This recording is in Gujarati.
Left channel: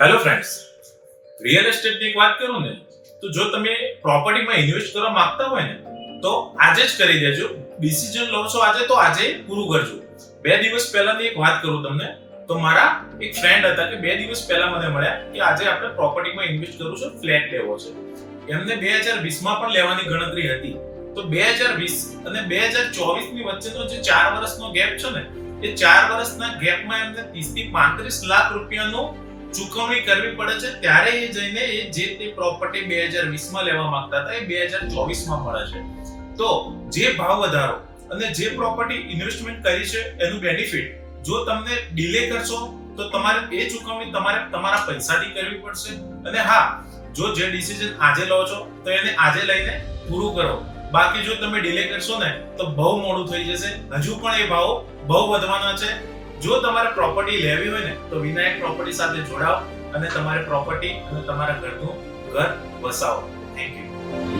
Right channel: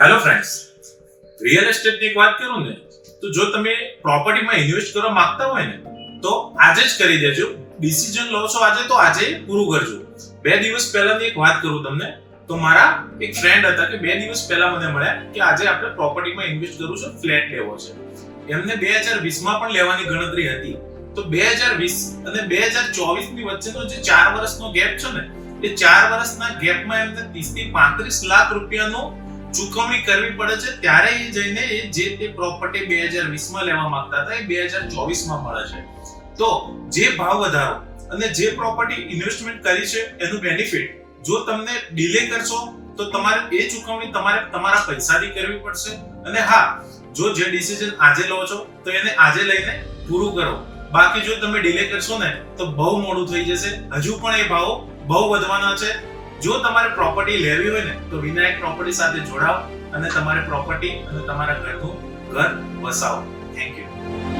હેલો ફ્રેન્ડ્સ, રિયલ એસ્ટેટની એક વાત કરું ને તો જો તમે પ્રોપર્ટીમાં ઇન્વેસ્ટ કરવા માંગતા હોય ને તો આજે જ કરી દેજો. ડિસિઝન લો છો આજે તો આજે પૂરું કરજો. 2 દિવસ પહેલાની એક વાત કરું તમને, તો મારા એક ફ્રેન્ડ હતા કે 2 દિવસ પહેલા મને મળ્યા કે આજે આપણે પ્રોપર્ટીમાં ઇન્વેસ્ટ કરવું છે, ફ્લેટ લેવો છે. એમને 2020 માં પણ લેવાની ગણતરી હતી. તો 2020 અને 2024 ની વચ્ચેનો જે 4 વર્ષનો ગેપ છે ને, એ 4 વર્ષના ગેપમાં એમને 30 થી 35 લાખ રૂપિયાનો ચૂકવણી કરવી પડે છે. ત્યારે એ જઈને એ જે તે પ્રોપર્ટી 2020 માં લેવા માંગતા હતા એ 2024 માં મળે છે. તો જે ભાવ વધારો અને જે પ્રોપર્ટી ઇન્વેસ્ટમેન્ટ કરી છે એનું બેનિફિટ જો તમને ડિલે કરશો તો તમારે એ ચૂકવણી તમારા પૈસાથી કરવી પડશે. અને હા, જો જે ડિસિઝન આજે લો છો તો એને આજે લઈને પૂરું કરો. બાકી જો તમે ડિલે કરશો ને તો બહુ મોડું થઈ જશે. હજુ પણ એ ભાવ બહુ વધવાના છે. જો તમારે પ્રોપર્ટી લેવી હોય ને તો વિનાયક પ્રોપર્ટી સાથે જોડાઓ અને તમારે પ્રોપર્ટી અને તમારા ઘરનું ઘર વસાવો. Thank you.